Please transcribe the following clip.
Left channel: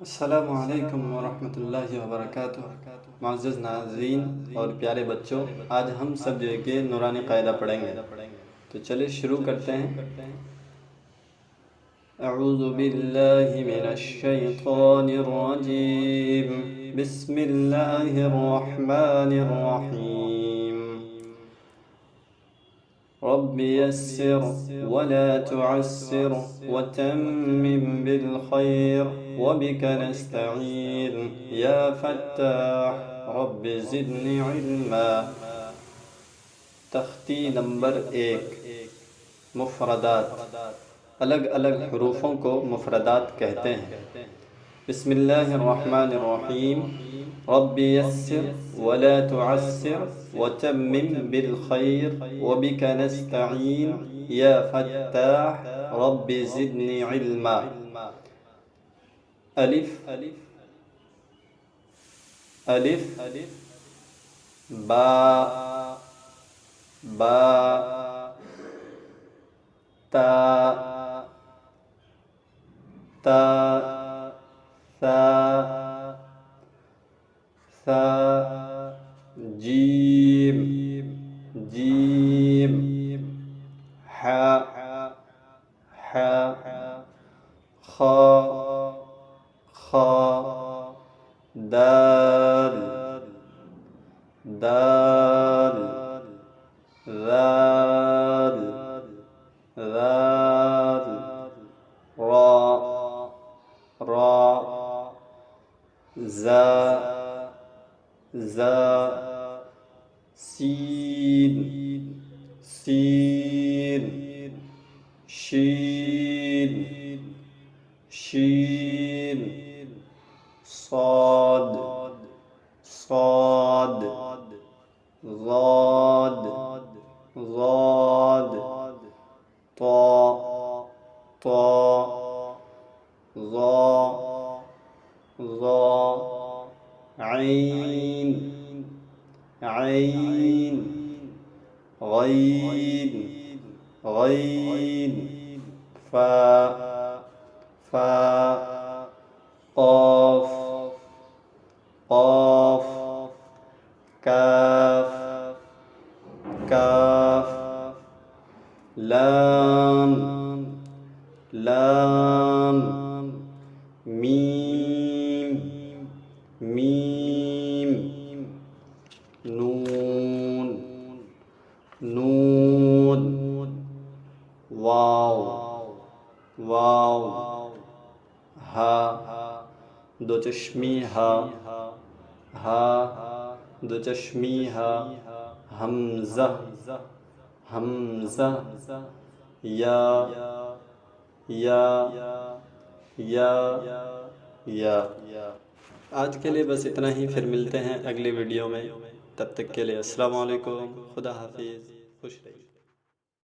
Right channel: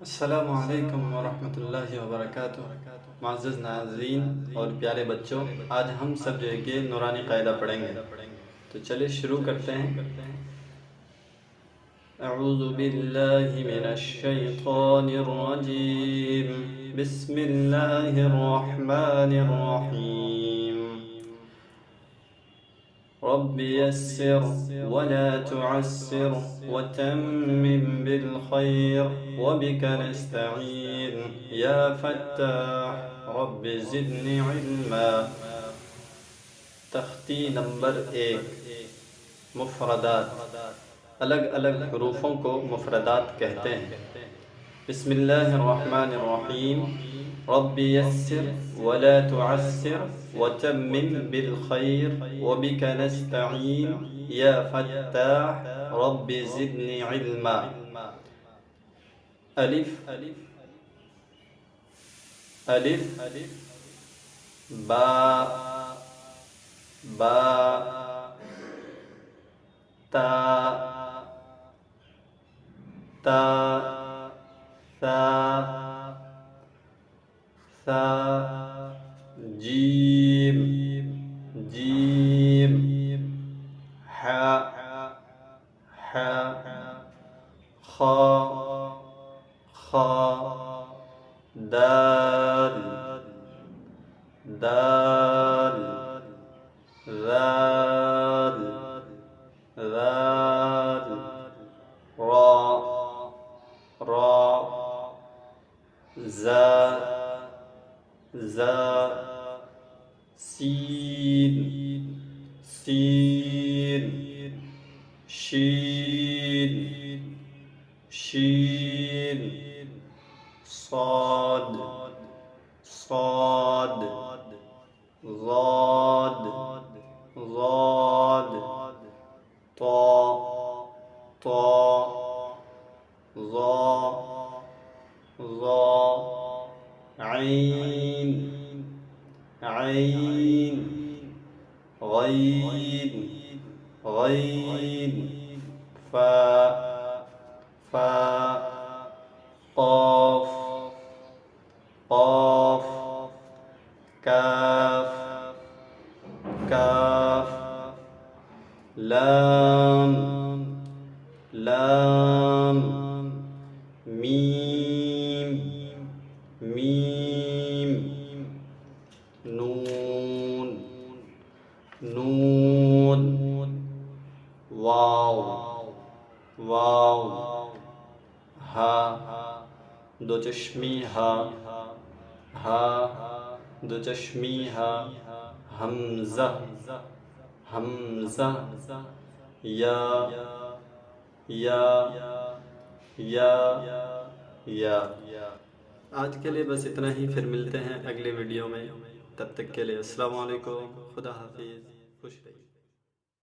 अस्सलामु अलैकुम वरहमतुल्लाहि वबरकातुहू। मुअज़्ज़ज़ नाज़रीन और प्यारे बच्चों, आज हम सब जो है कि नूरानी कायदा पढ़ेंगे। तो चलिए शुरू करते हैं। अऊज़ु बिल्लाहि मिनश शैतानिर रजीम। बिस्मिल्लाहिर रहमानिर रहीम। रब्बि यस्सिर वला तुअस्सिर वतम्मिम बिल खैर वबिक नस्तईन या फत्ताह रब्बि ज़िदनी इल्मा। तख्ती नंबर 1, मुफ़रदात। अलग अलग हरूफों को मुफ़रदात कहते हैं। बिस्मिल्लाहिर्रहमानिर्रहीम। रब्बि यस्सिर वला तुअस्सिर वतम्मिम बिल खैर वबिक नस्तईन या फत्ताह रब्बि ज़िदनी इल्मा। अलिफ अलिफ बा बा ता ता सा सा जीम जीम हा हा खा खा दाल दाल ज़ाल ज़ाल रा रा ज़ा ज़ा सीन सीन शीन शीन साद साद ज़ाद ज़ाद ता ता ज़ा ज़ा ऐन ऐन गैन गैन फा फा क़ाफ क़ाफ काफ काफ लाम लाम मीम मीम नून नून वाव वाव हा दो चश्मी हा हा दो चश्मी हा हमज़ा हमज़ा या या या। आज के लिए बस इतना ही, फिर मिलते हैं अगले वीडियो में। तब तक के लिए अस्सलामु अलैकुम, खुदा हाफिज़, खुश रहिए।